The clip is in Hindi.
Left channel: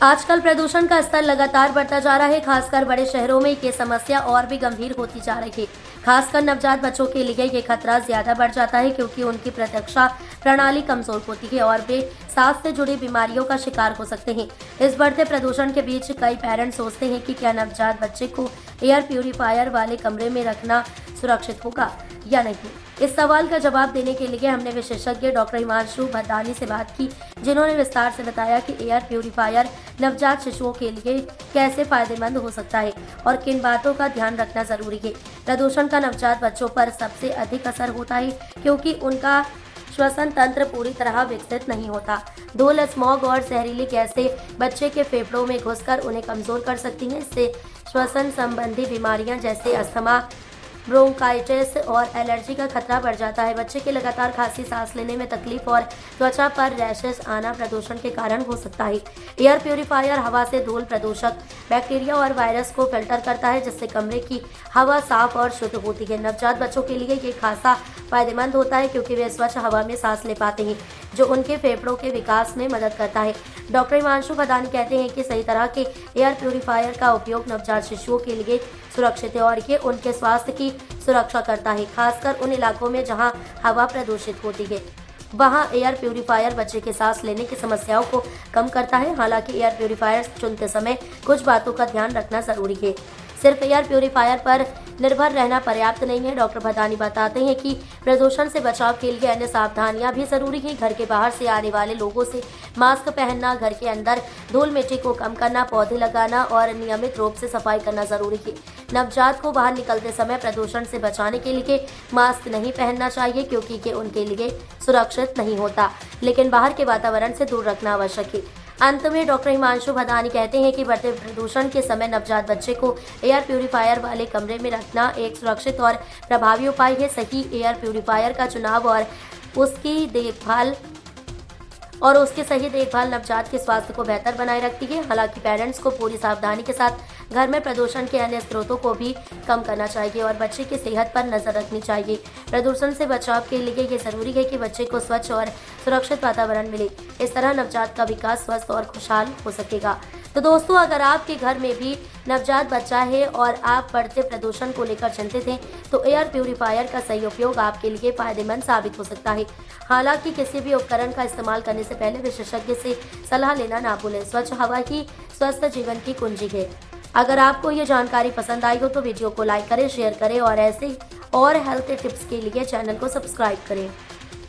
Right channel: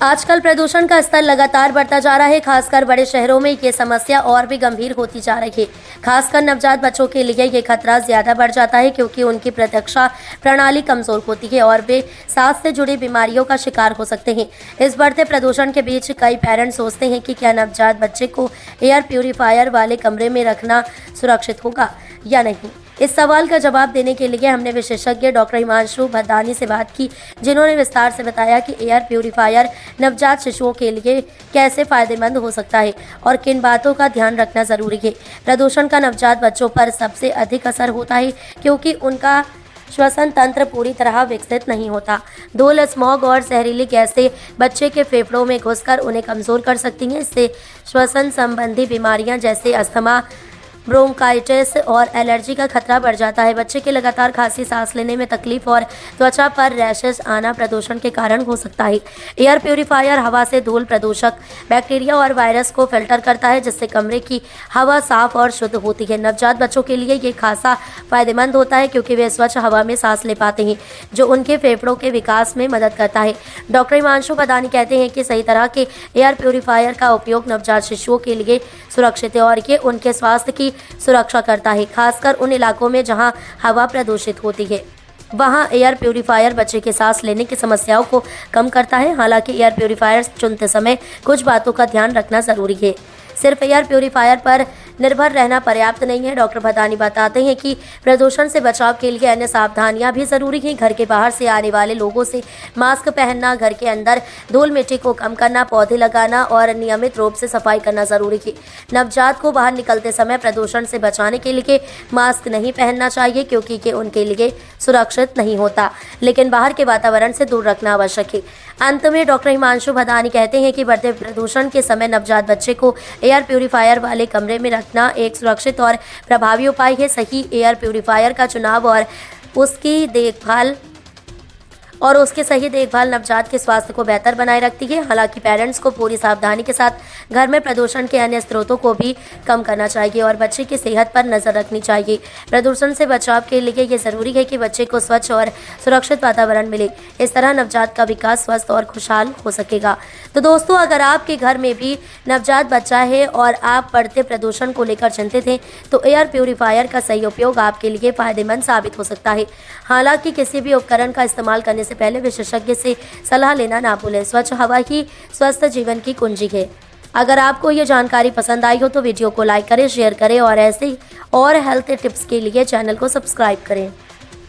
आजकल प्रदूषण का स्तर लगातार बढ़ता जा रहा है। खासकर बड़े शहरों में ये समस्या और भी गंभीर होती जा रही है। खासकर नवजात बच्चों के लिए ये खतरा ज्यादा बढ़ जाता है क्योंकि उनकी प्रतिरक्षा प्रणाली कमजोर होती है और वे सांस से जुड़ी बीमारियों का शिकार हो सकते हैं। इस बढ़ते प्रदूषण के बीच कई पेरेंट्स सोचते हैं कि क्या नवजात बच्चे को एयर प्यूरिफायर वाले कमरे में रखना सुरक्षित होगा या नहीं। इस सवाल का जवाब देने के लिए हमने विशेषज्ञ डॉक्टर हिमांशु भदानी से बात की, जिन्होंने विस्तार से बताया कि एयर प्यूरिफायर नवजात शिशुओं के लिए कैसे फायदेमंद हो सकता है और किन बातों का ध्यान रखना जरूरी है। प्रदूषण का नवजात बच्चों पर सबसे अधिक असर होता है क्योंकि उनका श्वसन तंत्र पूरी तरह विकसित नहीं होता। धूल, स्मॉग और जहरीली गैसें बच्चे के फेफड़ों में घुसकर उन्हें कमजोर कर सकती हैं। इससे श्वसन संबंधी बीमारियां जैसे अस्थमा, ब्रोंकाइटिस और एलर्जी का खतरा बढ़ जाता है। बच्चे के लगातार खांसी, सांस लेने में तकलीफ और त्वचा पर रैशेस आना प्रदूषण के कारण हो सकता है। एयर प्यूरिफायर हवा से धूल, प्रदूषक, बैक्टीरिया और वायरस को फिल्टर करता है, जिससे कमरे की हवा साफ और शुद्ध होती है। नवजात बच्चों के लिए ये खासा फायदेमंद होता है क्योंकि वे स्वच्छ हवा में सांस ले पाते हैं, जो उनके फेफड़ों के विकास में मदद करता है। डॉक्टर हिमांशु भदानी कहते हैं कि सही तरह के एयर प्यूरिफायर का उपयोग नवजात शिशुओं के लिए सुरक्षित है और ये उनके स्वास्थ्य की सुरक्षा करता है। खासकर उन इलाकों में जहां हवा प्रदूषित होती है, वहां एयर प्यूरिफायर बच्चे के सांस लेने की समस्याओं को कम करता है। हालांकि एयर प्यूरिफायर चुनते समय कुछ बातों का ध्यान रखना जरूरी है। सिर्फ एयर प्यूरिफायर पर निर्भर रहना पर्याप्त नहीं है। डॉक्टर भदानी बताते हैं कि प्रदूषण से बचाव के लिए अन्य सावधानियां भी जरूरी हैं। घर के बाहर से आने वाले लोगों से मास्क पहनना, घर के अंदर धूल मिट्टी को कम करना, पौधे लगाना और नियमित रूप से सफाई करना जरूरी है। नवजात को बाहर निकलते समय प्रदूषण से बचाने के लिए मास्क नहीं पहनना चाहिए क्योंकि ये उनके लिए सुरक्षित नहीं होता, लेकिन बाहर के वातावरण से दूर रखना आवश्यक है। अंत में डॉक्टर हिमांशु भदानी कहते हैं कि बढ़ते प्रदूषण के समय नवजात बच्चे को एयर प्यूरिफायर वाले कमरे में रखना एक सुरक्षित और प्रभावी उपाय है। सही एयर प्यूरिफायर का चुनाव और उसकी सही देखभाल नवजात के स्वास्थ्य को बेहतर बनाए रखती है। हालांकि पेरेंट्स को पूरी सावधानी के साथ घर में प्रदूषण के अन्य स्रोतों को भी कम करना चाहिए और बच्चे की सेहत पर नजर रखनी चाहिए। प्रदूषण से बचाव के लिए ये जरूरी है कि बच्चे को स्वच्छ और सुरक्षित वातावरण मिले। इस तरह नवजात का विकास स्वस्थ और खुशहाल हो सकेगा। तो दोस्तों, अगर आपके घर में भी नवजात बच्चा है और आप बढ़ते प्रदूषण को लेकर चिंतित हैं, तो एयर प्यूरिफायर का सही उपयोग आपके लिए फायदेमंद साबित हो सकता है। हालांकि किसी भी उपकरण का इस्तेमाल करने से पहले विशेषज्ञ से सलाह लेना ना भूलें। स्वच्छ हवा ही स्वस्थ जीवन की कुंजी है। अगर आपको ये जानकारी पसंद आई हो तो वीडियो को लाइक करें, शेयर करें और ऐसे ही और हेल्थ टिप्स के लिए चैनल को सब्सक्राइब करें।